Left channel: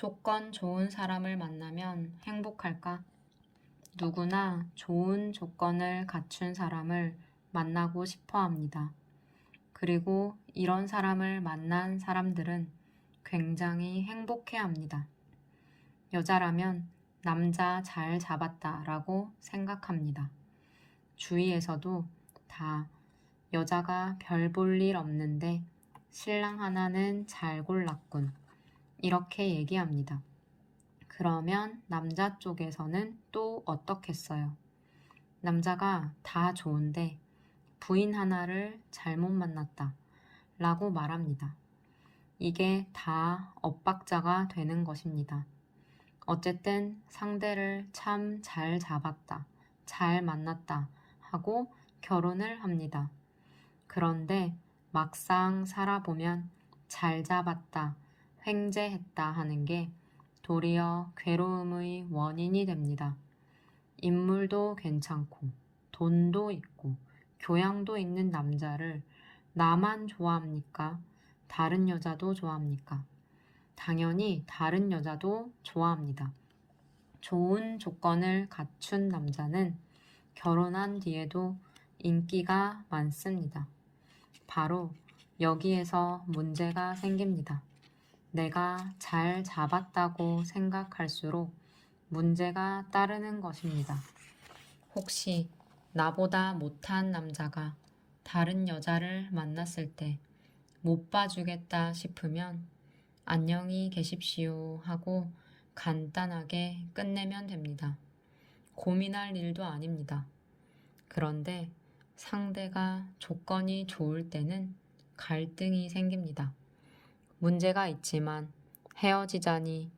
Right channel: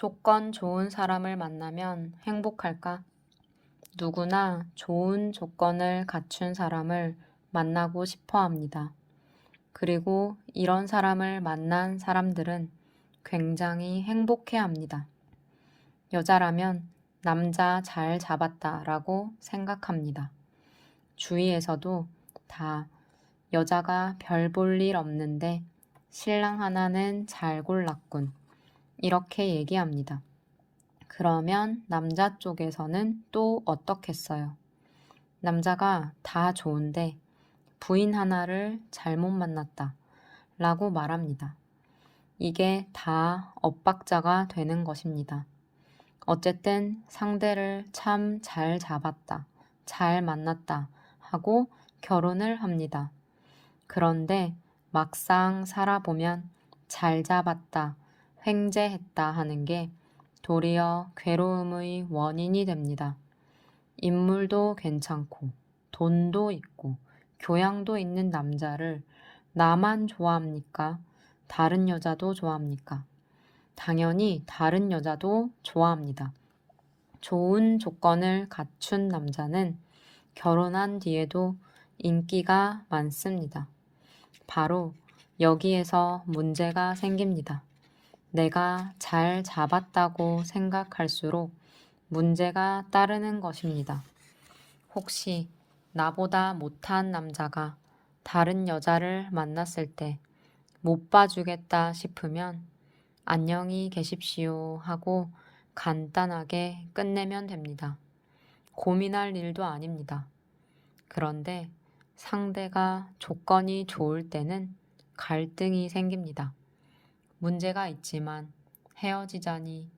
조건 좋은 사람을 만나면 행복할까? 누구나 좋은 조건을 갖춘 사람을 만나고 싶어 합니다. 그리고 이런 사람을 만난 사람들은 굉장히 행복해 합니다. 여자라면 남자 잘 잡았다 라고 생각합니다. 주위에서도 다 여자가 별 볼 일 없는데 신랑 하나는 잘 골랐군. 이렇게 얘기합니다. 그러면 남자 쪽에서는 또 어떻겠어요? 남자가 다 좋은데 부인 하나를 잘못 만났다 라고 말합니다. 이게 다 엇박자가 되는 것입니다. 어쨌든 상대를 참 잘 잡았다, 잘 만났다 하고 결혼을 합니다. 그런데 막상 살아보면 잘 잡았다, 횡재했다 하는 게 도리어 괴로움의 원인이 됩니다. 인물도 괜찮고 돈도 있고 교양도 있는 남자를 나만 좋아합니까? 다른 여자도 좋아합니까? 당연히 다른 여자도 좋아합니다. 좋은 조건을 갖춘 남자는 결혼한 뒤에도 인기가 많습니다. 바로 여기에서 문제가 생깁니다. 내가 잘 잡았다고 생각할수록 문제가 따르는 것입니다. 혹시 나보다 못한 남자가 다른 여자를 만났을 때 못 봐주겠다 싶으면 안녕히 계십시오 하고 간단하게 끝내면 됩니다. 고민할 일도 아닙니다. 그런데 상대가 조건이 좋을 때는 갈등이 생깁니다. 문제가 있지만 헤어지자니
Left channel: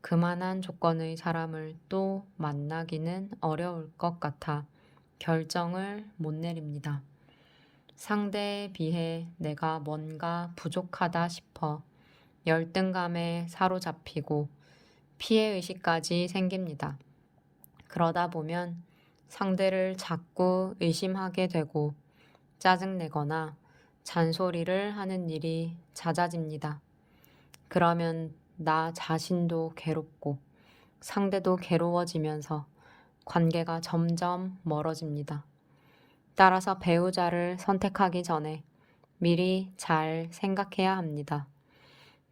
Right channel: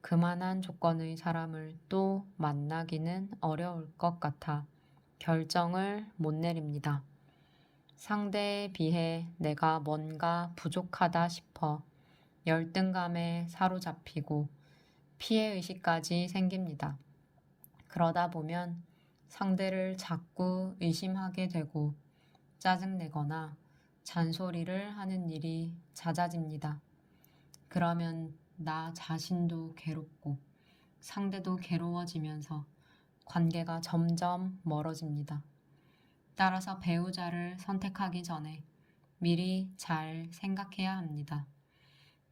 그만한 조건의 사람을 또 만나기는 어려울 것 같아 결정을 못 내립니다. 상대에 비해 내가 뭔가 부족하다 싶어 열등감에 사로잡히고 피해의식까지 생깁니다. 그러다 보면 상대를 자꾸 의심하게 되고 짜증내거나 잔소리를 하는 일이 잦아집니다. 그러면 나 자신도 괴롭고 상대도 괴로워지면서 관계가 점점 멀어집니다. 따라서 배우자를 선택하기 전에 미리 잘 생각해야 합니다.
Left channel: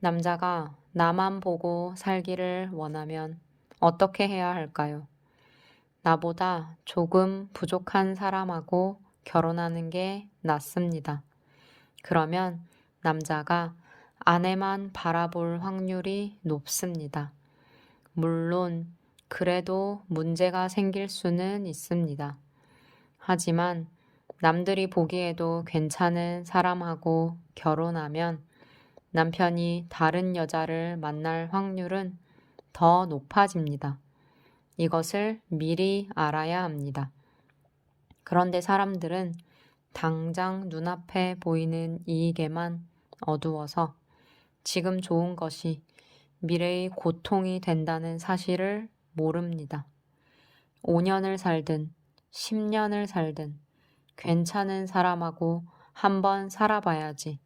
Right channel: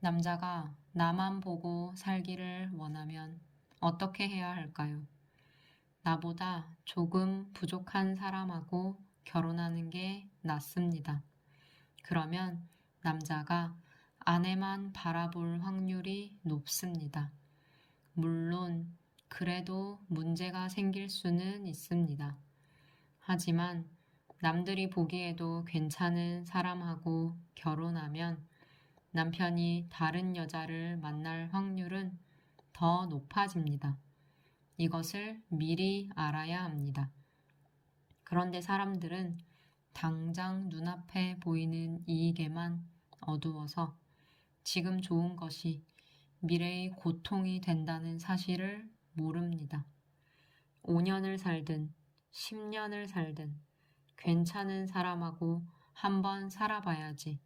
남자가 나만 보고 살기를 원하면 어떻게 해야 할까요? 나보다 조금 부족한 사람하고 결혼하는 게 낫습니다. 그러면 남자가 아내만 바라볼 확률이 높습니다. 물론 그래도 문제가 생길 수는 있습니다. 하지만 남들이 보기에도 괜찮은 사람하고 결혼하면 남편이 다른 여자를 만날 확률은 더 높아집니다. 이것을 미리 알아야 합니다. 그런데 사람들은 당장 눈앞에 보이는 이익에만 어두워서 지금 좋은 것이 미래의 고통이 된다는 사실을 모릅니다. 5년을 살든 10년을 살든 괜찮은 사람하고 한번 살아봐야지.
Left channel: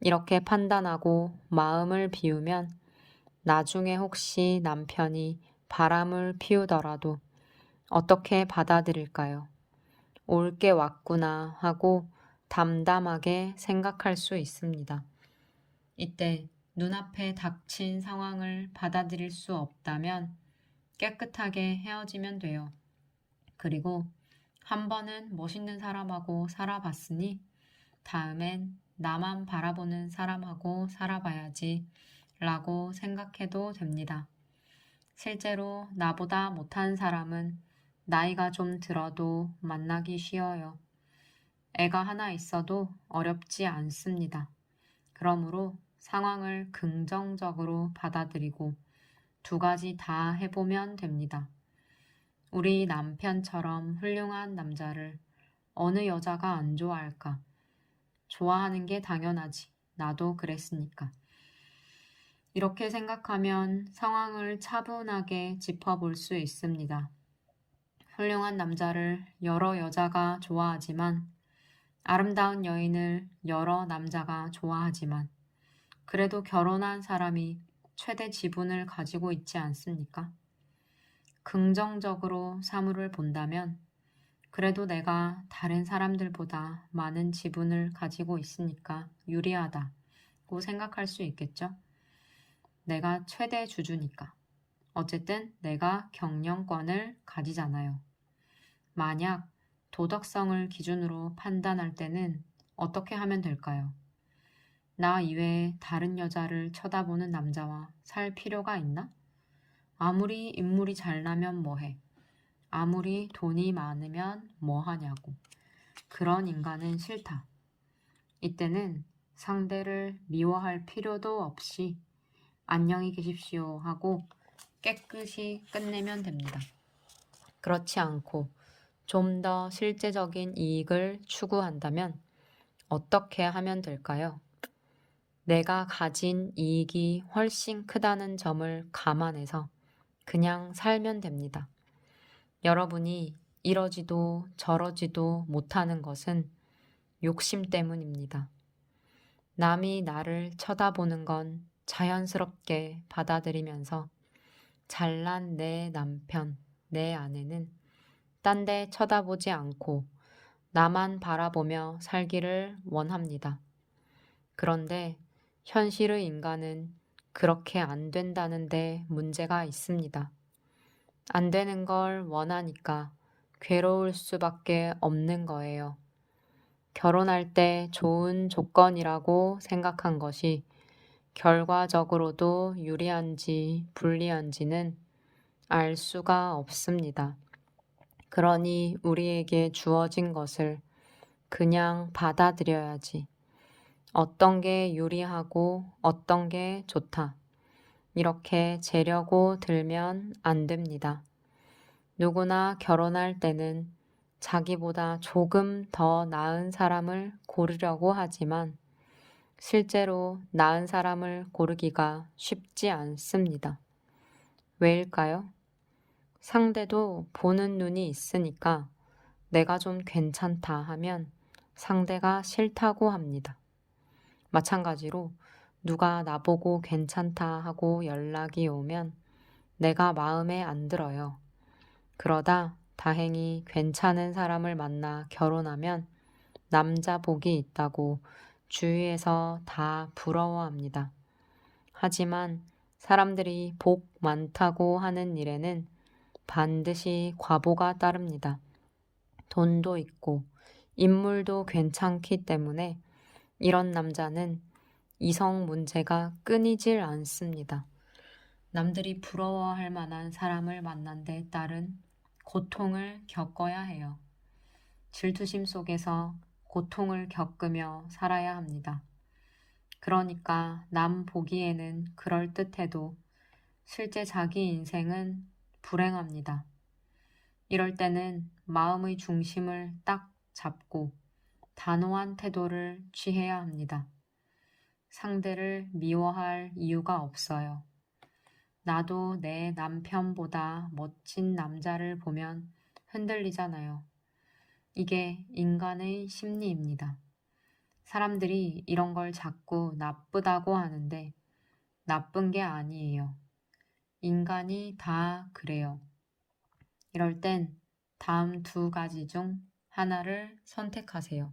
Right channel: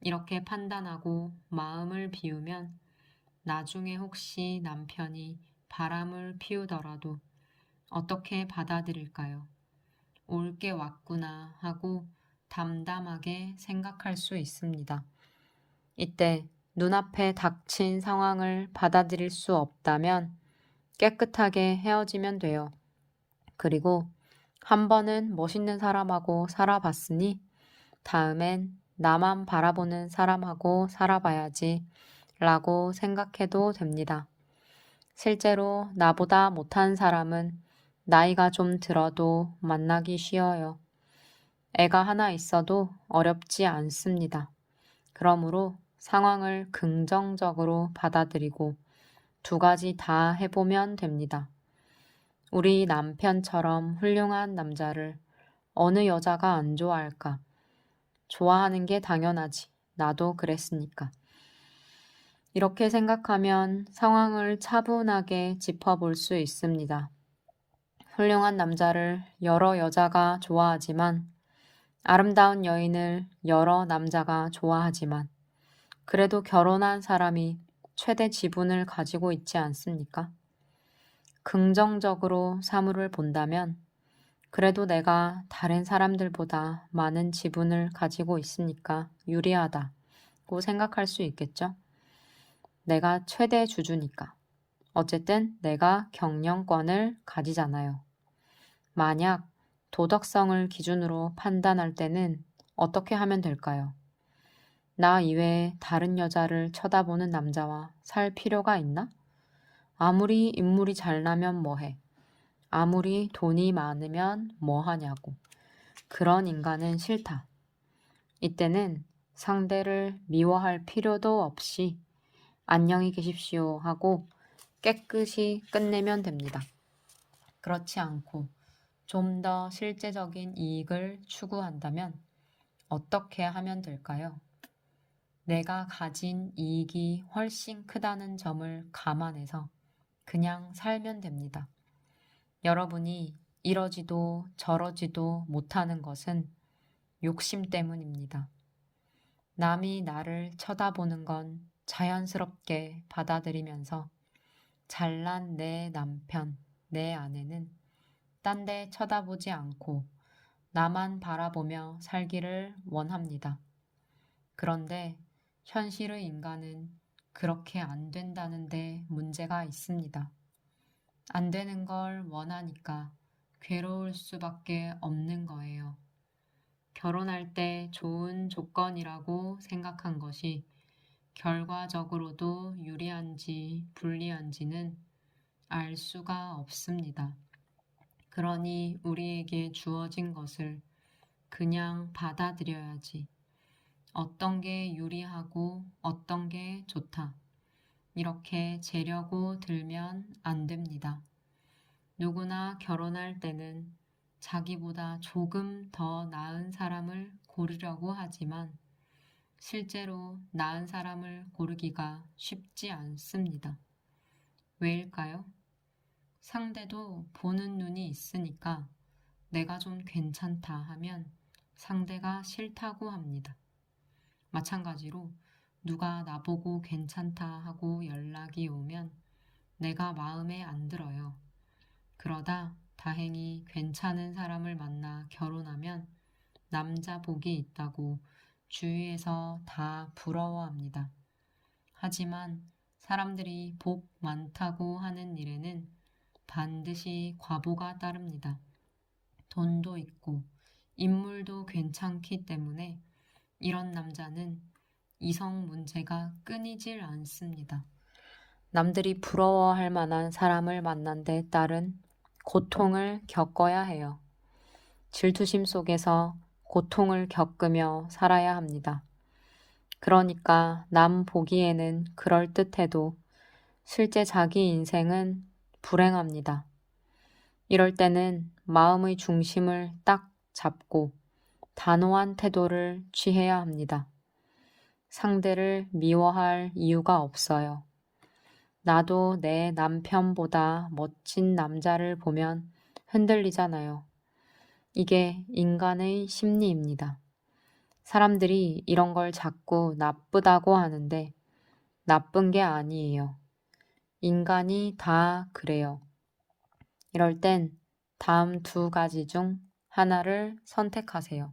이렇게 판단하고 마음을 비우면 나중에 혹시 남편이 바람을 피우더라도 어떻게 받아들일까요? 올 게 왔구나 하고 담담하게 생각할 수 있습니다. 이때 눈앞에 닥친 상황을 받아들일 수 없다면 깨끗하게 헤어지면 돼요. 그리고 한 번은 멋있는 사람하고 살아봤으니 다음엔 나만 바라보는 사람하고 살아봐야지 라고 생각해도 됩니다. 실제로 나보다 못한 사람은 나이가 좀 들어도 만나기 쉬워요. 애가 하나 있어도 어렵지 않습니다. 그러므로 상황을 긍정적으로 받아들이고 두 가지 다 해보면 됩니다. 우리 남편처럼 훌륭한 남자를 어느 여자가 안 좋아할까? 좋아하는 게 당연하지. 나도 그랬으니까. 이렇게 생각하면 상황을 차분하게 짚어볼 수 있습니다. 훌륭한 남자를 여러 여자가 좋아하지만 아름다운 여인을 여러 남자가 좋아하지만 그래도 결혼한 사람이 최대 지분을 가지고 있지 않습니까? 긍정적으로 사물을 본다면 그래도 내가 다른 사람들보다 많은 지분을 가지고 있으니까 유리하다고 생각할 수 있겠죠? 내가 최대 주주니까. 어쨌든 내가 경영권을 가지잖아요. 만약 도덕성을 기준으로 판단할 때는 어떻게 하면 될까요? 나 이외에 다른 여자를 쳐다보는 남자와 살 필요가 있나? 아무리 인물이 잘나면 뭐해? 아무리 돈이 많으면 뭐하냐고. 그런 인간은 싫다. 이때는 상대를 미워할 필요도 없이 안녕히 계십시오 하고 깨끗이 끝내면 됩니다. 그렇지 않고 좀 더 실제적인 이익을 추구한다면 어떻게 하면 될까요? 내가 가진 이익이 훨씬 크다는 점을 감안해서 그냥 살면 됩니다. 여러분이 이러지도 저러지도 못하는 것은 욕심 때문입니다. 남이 나를 쳐다보는 건 자연스럽게 받아들이면서 잘난 내 남편, 내 아내는 딴 데 쳐다보지 않고 나만 바라보며 살기를 원합니다. 그런데 현실의 인간은 그렇게 안 된다는데 문제가 있습니다. 안 되는 걸 원하니까 괴로울 수밖에 없는 거예요. 결혼할 때 좋은 조건이라고 생각한 것이 결과적으로도 유리한지 불리한지는 알 수가 없습니다. 그러니 우리에게 주어진 것을 그냥 받아들여야지. 어떤 게 유리하고 어떤 게 좋다. 이렇게 재려고 들면 안 됩니다. 누구나 결혼할 때는 자기보다 조금 더 나은 사람을 고르려고 하지만 실제로 나은 사람을 고르기가 쉽지 않습니다. 왜일까요? 상대도 보는 눈이 있으니까 내가 좀 괜찮다 하면 상대가 싫다고 합니다. 마찬가지로 누가 나보고 괜찮다 하고 연락이 오면 내가 마음에 안 들어요. 그러다 다행히 괜찮은 사람을 만나 결혼하면 남자 복이 있다고 주위에서 다 부러워합니다. 하지만 사람들이 복 많다고 하는 일에는 반드시 과보가 따릅니다. 돈도 있고 인물도 괜찮기 때문에 이런 남자는 이성 문제가 끊이질 않습니다. 남들이 부러워할 만한 사람을 만난 데 따른 고통을 겪어야 해요. 질투심 속에서 고통을 겪으며 살아야 합니다. 그러니까 남 보기에는 그럴듯해도 실제 자기 인생은 불행합니다. 이럴 때는 마음의 중심을 딱 잡고 단호한 태도를 취해야 합니다. 상대를 미워할 이유가 없어요. 나도 내 남편보다 멋진 남자를 보면 흔들리잖아요. 이게 인간의 심리입니다. 사람들이 이런 걸 자꾸 나쁘다고 하는데 나쁜 게 아니에요. 인간이 다 그래요. 이럴 땐 다음 두 가지 중 하나를 선택하세요.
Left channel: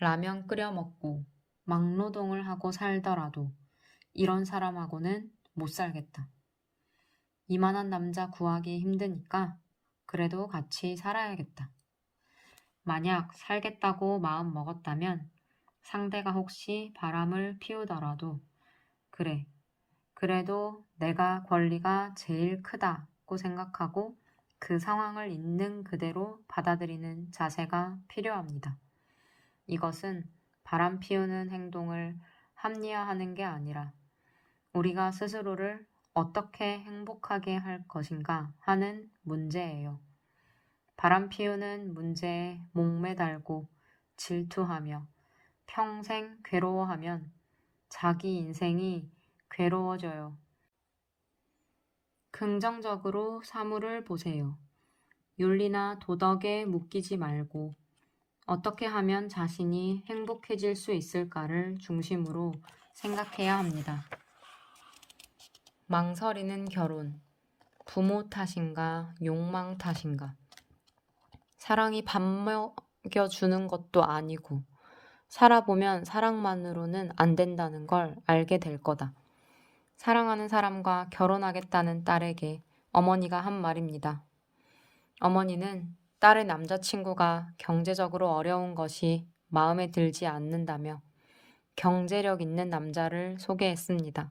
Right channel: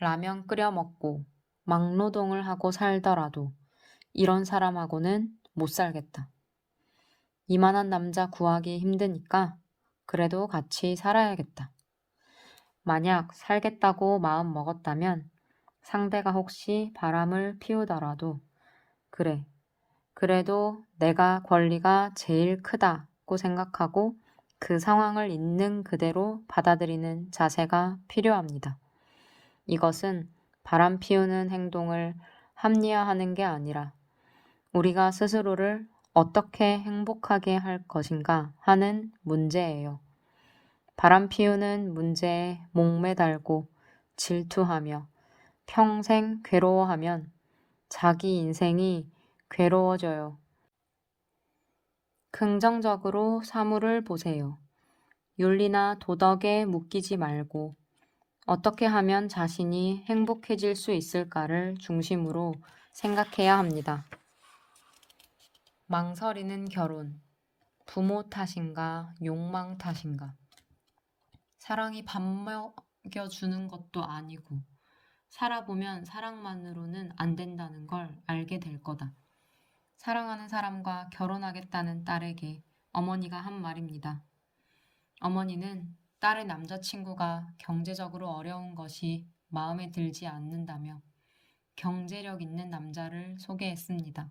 라면 끓여 먹고 막노동을 하고 살더라도 이런 사람하고는 못 살겠다. 이만한 남자 구하기 힘드니까 그래도 같이 살아야겠다. 만약 살겠다고 마음 먹었다면 상대가 혹시 바람을 피우더라도 그래, 그래도 내가 권리가 제일 크다고 생각하고 그 상황을 있는 그대로 받아들이는 자세가 필요합니다. 이것은 바람 피우는 행동을 합리화하는 게 아니라 우리가 스스로를 어떻게 행복하게 할 것인가 하는 문제예요. 바람 피우는 문제에 목매달고 질투하며 평생 괴로워하면 자기 인생이 괴로워져요. 긍정적으로 사물을 보세요. 윤리나 도덕에 묶이지 말고 어떻게 하면 자신이 행복해질 수 있을까를 중심으로 생각해야 합니다. 망설이는 결혼, 부모 탓인가, 욕망 탓인가? 사랑이 밥 먹여주는 것도 아니고, 살아보면 사랑만으로는 안 된다는 걸 알게 될 거다. 사랑하는 사람과 결혼하겠다는 딸에게 어머니가 한 말입니다. 어머니는 딸의 남자친구가 경제적으로 어려운 것이 마음에 들지 않는다며 경제력 있는 남자를 소개했습니다.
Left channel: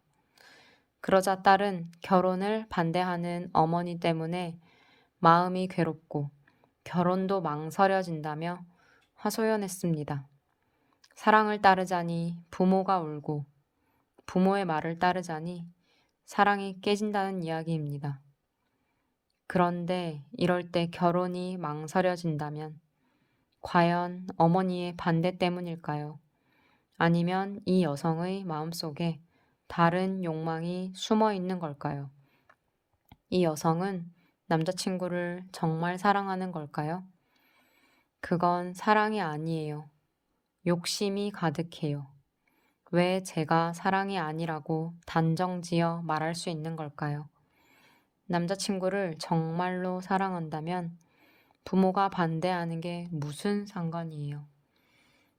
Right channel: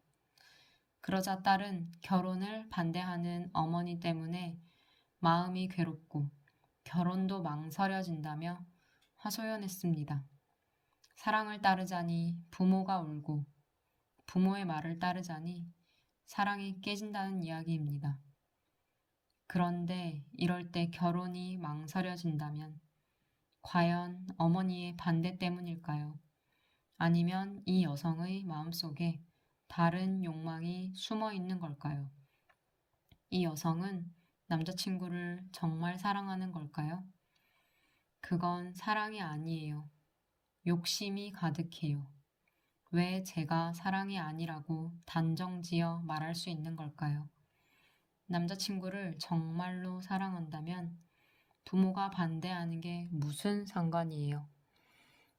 그러자 딸은 결혼을 반대하는 어머니 때문에 마음이 괴롭고 결혼도 망설여진다며 하소연했습니다. 사랑을 따르자니 부모가 울고 부모의 말을 따르자니 사랑이 깨진다는 이야기입니다. 그런데 이럴 때 결혼이 망설여진다면 과연 어머니의 반대 때문일까요? 아니면 이 여성의 마음속에 다른 욕망이 숨어 있는 걸까요? 이 여성은 남자친구를 정말 사랑하는 걸까요? 그건 사랑이 아니에요. 욕심이 가득해요. 왜 제가 사랑이 아니라고 단정지어 말할 수 있는 걸까요? 남자친구를 정말로 사랑한다면 부모가 반대하는 게 무슨 상관이에요?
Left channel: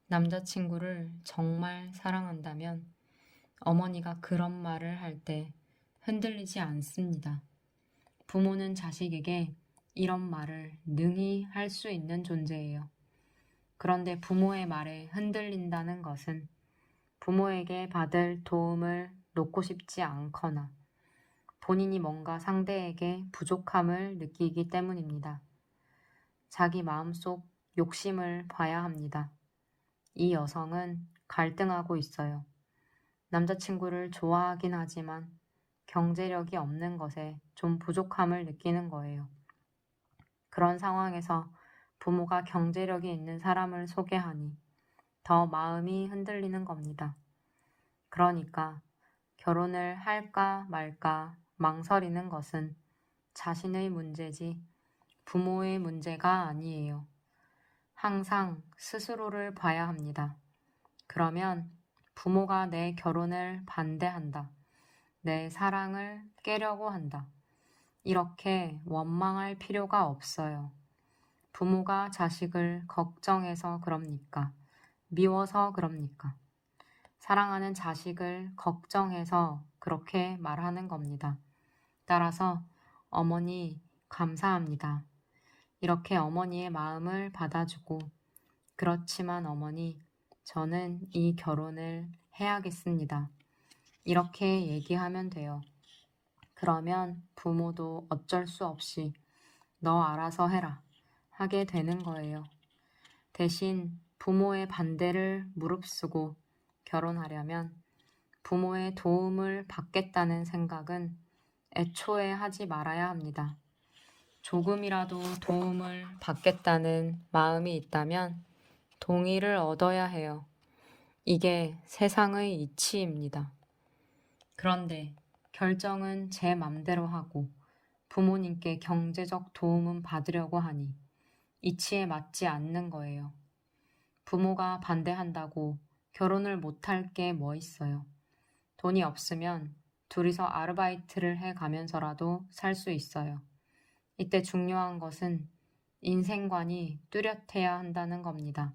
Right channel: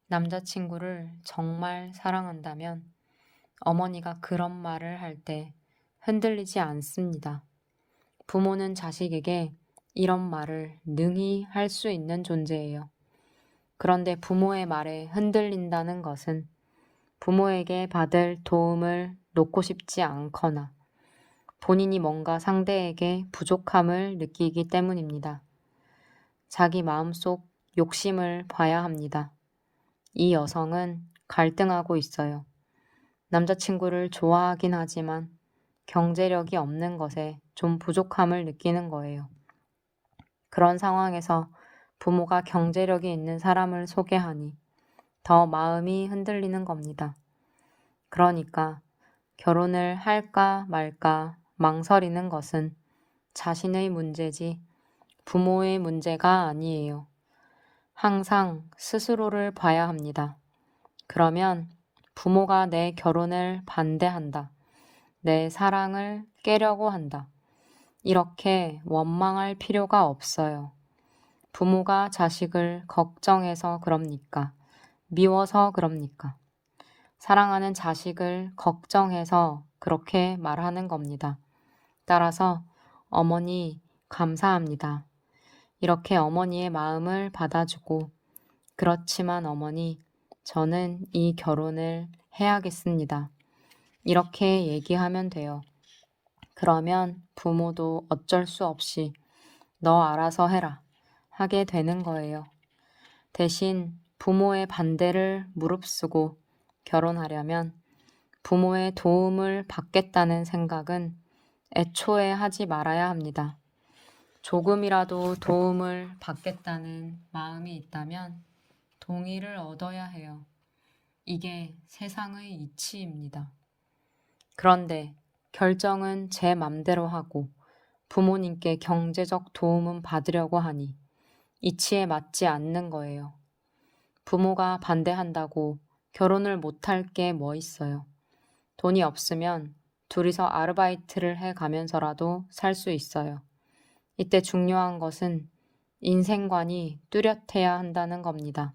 남자친구를 정말 사랑한다면 어머니가 그런 말을 할 때 흔들리지 않습니다. 부모는 자식에게 이런 말을 능히 할 수 있는 존재예요. 그런데 부모의 말에 흔들린다는 것은 부모에게 받을 도움을 놓고 싶지 않거나 본인이 뭔가 상대에게 부족함을 느끼기 때문입니다. 자기 마음속 욕심을 봐야 합니다. 이 여성은 갈등하고 있어요. 남자친구를 좋아하긴 하지만 경제력이 없는 것에 좀 부족함을 느끼는 거예요. 그런 상황에서 부모가 경제력이 있는 사람을 소개하니 더 마음이 흔들리는 겁니다. 그러니까 결혼을 할까 말까 망설이는 것은 자신의 문제지 부모의 문제가 아니에요. 항상 스스로를 봐야 합니다. 그러면 부모가 내 결혼을 반대한다. 내 사랑을 깨려고 한다. 이렇게 원망할 필요가 없어요. 부모가 자식을 걱정해서 그럽니까? 미워서 그럽니까? 사랑하는 자식을 걱정해서 그렇게 말하는 겁니다. 따라서 어머니 감사합니다. 이렇게 어머니의 마음을 받아주고 그렇지만 어머니 저는 이 결혼을 해야겠습니다. 이렇게 얘기하면 돼요. 그러면 부모도 어쩔 수 없이 너 알아서 해라 하게 되는 거예요. 대신 부모의 반대를 무릅쓰고 결혼하려면 부모의 도움을 받겠다는 생각은 애초에 하지 말아야 합니다. 조금이라도 도움을 받겠다는 마음이 있다면 동의를 얻어야 해요. 이게 세상의 이치입니다. 그런데 결정은 제 맘대로 하고 부모님께 경제적 도움은 받으려고 하니 이치에 맞지 않는 거예요. 부모가 반대한다고 결혼을 못할 게 뭐 있어요. 돈이 없으면 둘이서 아르바이트를 해 가면서라도 살 수 있어요. 이때 중요한 것은 인생관이 뚜렷해야 한다는 겁니다.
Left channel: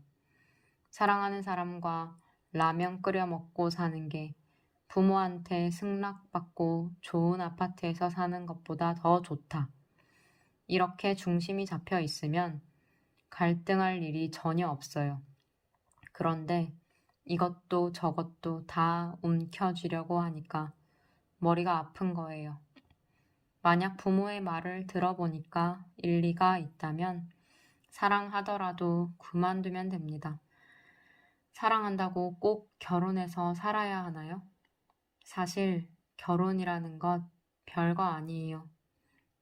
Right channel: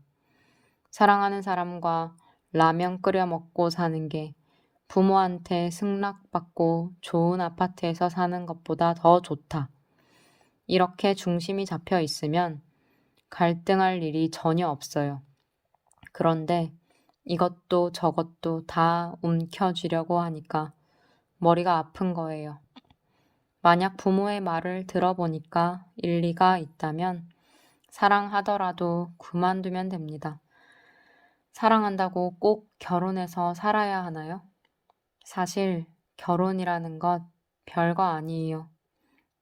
사랑하는 사람과 라면 끓여 먹고 사는 게 부모한테 승낙받고 좋은 아파트에서 사는 것보다 더 좋다. 이렇게 중심이 잡혀 있으면 갈등할 일이 전혀 없어요. 그런데 이것도 저것도 다 움켜쥐려고 하니까 머리가 아픈 거예요. 만약 부모의 말을 들어보니까 일리가 있다면 사랑하더라도 그만두면 됩니다. 사랑한다고 꼭 결혼해서 살아야 하나요? 사실 결혼이라는 것 별거 아니에요.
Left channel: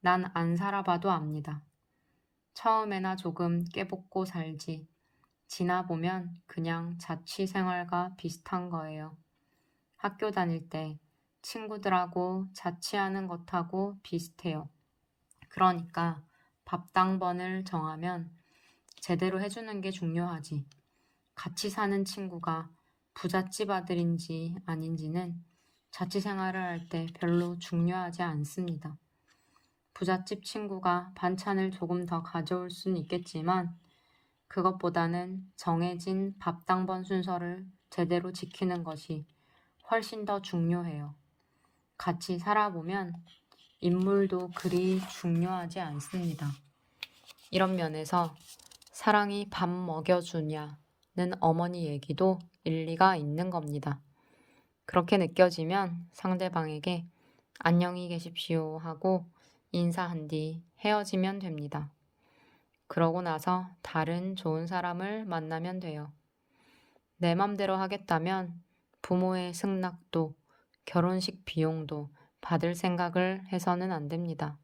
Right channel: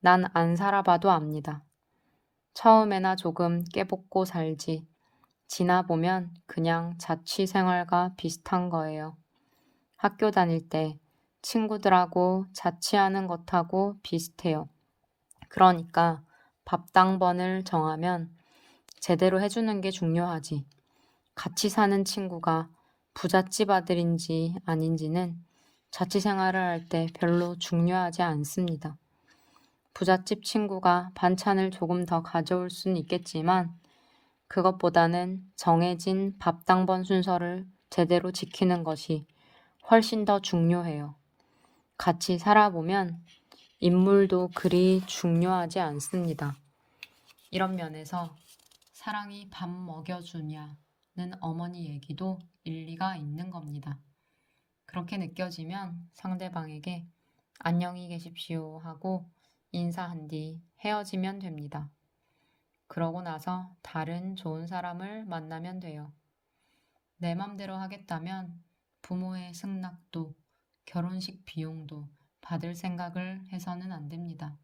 난 안 살아봐도 압니다. 처음에나 조금 깨볶고 살지. 지나보면 그냥 자취생활과 비슷한 거예요. 학교 다닐 때 친구들하고 자취하는 것하고 비슷해요. 그러니까 밥당번을 정하면 제대로 해주는 게 중요하지. 같이 사는 친구가 부잣집 아들인지 아닌지는 자취 생활을 할 때 별로 중요하지 않습니다. 부잣집 친구가 반찬을 조금 더 가져올 순 있겠지만 그것보다는 정해진 밥당번 순서를 제대로 지키는 것이 훨씬 더 중요해요. 같이 살아보면 인물도 그리 중요하지 않습니다. 이런 면에서 사랑이 밥 먹여주냐는 어머니 얘기도 일리가 있는 겁니다. 그렇게 느껴지면 상대방에게 안녕히 계십시오 하고 인사한 뒤 헤어지면 됩니다. 그러고 나서 다른 좋은 사람을 만나면 돼요. 내 맘대로 하겠다면 부모의 승낙도 결혼식 비용도 받을 생각을 해서는 안 됩니다.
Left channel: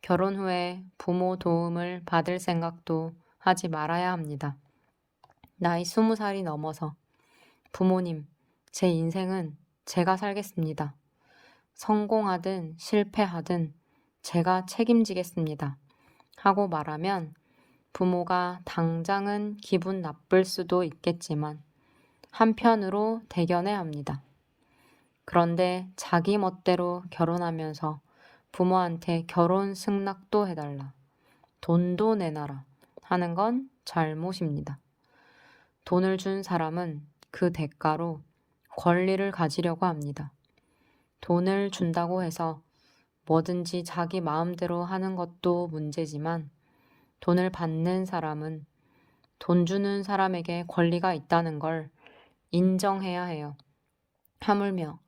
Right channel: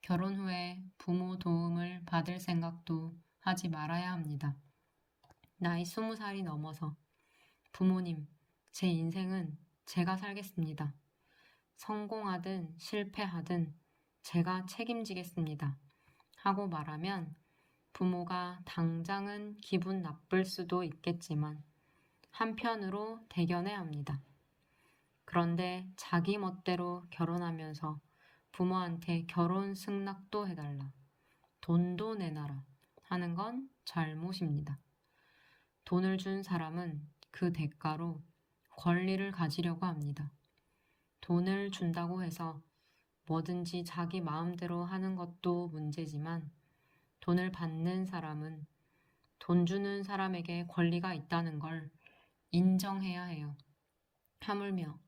결혼 후에 부모 도움을 받을 생각도 하지 말아야 합니다. 나이 20살이 넘어서 부모님, 제 인생은 제가 살겠습니다. 성공하든 실패하든 제가 책임지겠습니다. 하고 말하면 부모가 당장은 기분 나쁠 수도 있겠지만 한편으로 대견해 합니다. 그런데 자기 멋대로 결혼하면서 부모한테 결혼 승낙도 해달라, 돈도 내놔라 하는 건 잘못입니다. 돈을 준 사람은 그 대가로 권리를 가지려고 합니다. 돈을 준다고 해서 뭐든지 자기 마음대로 하는 것도 문제지만 돈을 받는 사람은 돈 주는 사람에게 권리가 있다는 걸 인정해야 해요. 하물며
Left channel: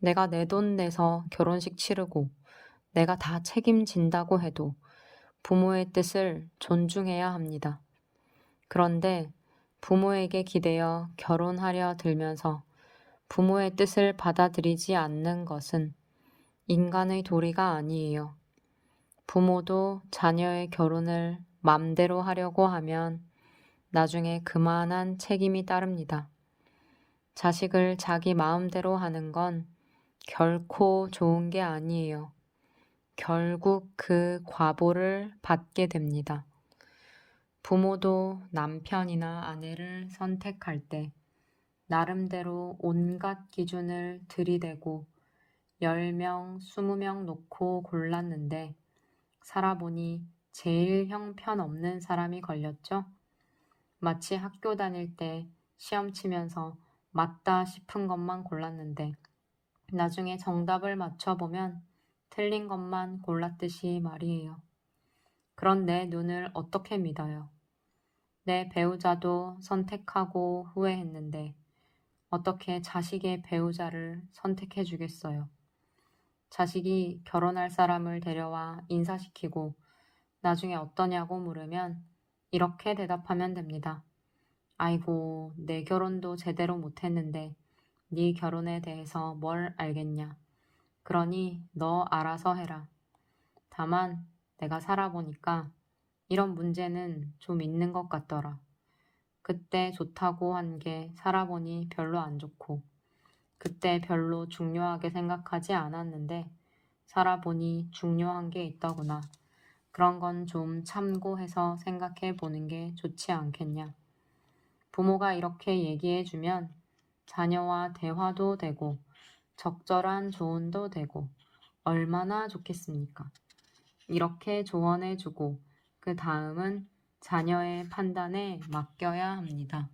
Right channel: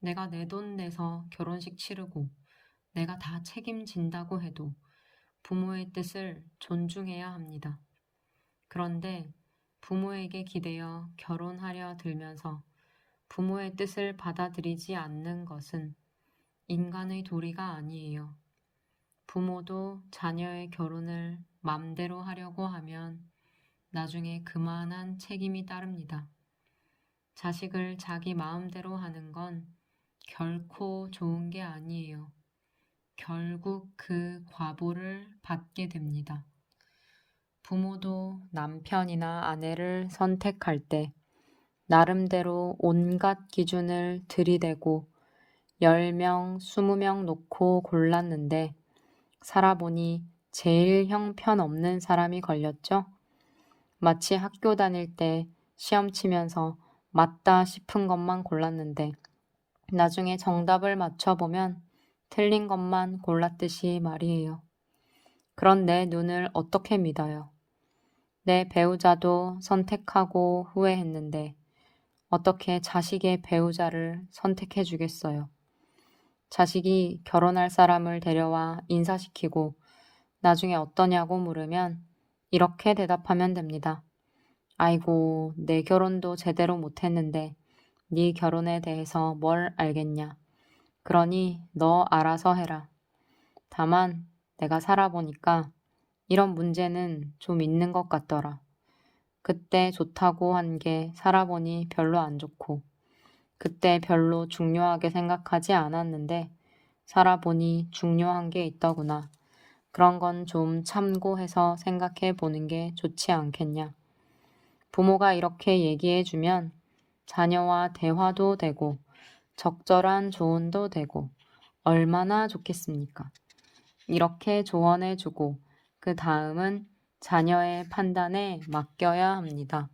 내가 내 돈 내서 결혼식 치르고 내가 다 책임진다고 해도 부모의 뜻을 존중해야 합니다. 그런데 부모에게 기대어 결혼하려 들면서 부모의 뜻을 받아들이지 않는 것은 인간의 도리가 아니에요. 부모도 자녀의 결혼을 맘대로 하려고 하면 나중에 그만한 책임이 따릅니다. 자식을 자기 마음대로 하는 건 결코 좋은 게 아니에요. 결국 그 과보를 받게 됩니다. 부모도 남편이나 아내를 선택할 때 나름대로 온갖 기준을 들이대고 10명, 20명 놓고 골랐는데 살아보니 제일 형편없는 사람이 걸렸죠. 마치 학교 다닐 때 시험 치면서 맞다 싶은 것만 골랐는데 나중에 정답을 맞춰보면 틀린 것만 골랐듯이 말이에요. 그런 내 눈을 어떻게 믿어요? 내 배우자도 선택하고 후회했는데 어떻게 자식의 배우자를 선택해 주겠어요? 자식이 결혼할 사람을 데려와 인사시키고 나중에 어떠냐고 물으면 이렇게 대답하면 됩니다. 아이고, 내 결혼도 제대로 못했는데 네 결혼에 대해서 뭘 알겠냐. 그러니 너 알아서 해라. 다만 내가 살아보니까 이런 문제는 좀 있는 것 같더라. 그때 좋다고 한 게 살아보니 별로 안 좋고 그때 별로 중요하게 생각하지 않았는데 살아보니 중요한 게 있더구나. 그런 건 좀 참고해서 생각해 보는 게 좋지 않겠냐. 부모가 이렇게 얘기해 주면 자녀와 대화도 되고 적절한 조언도 되고 얼마나 좋겠습니까? 이렇게 조언해 주고 그 다음은 자녀의 판단에 맡겨야 합니다.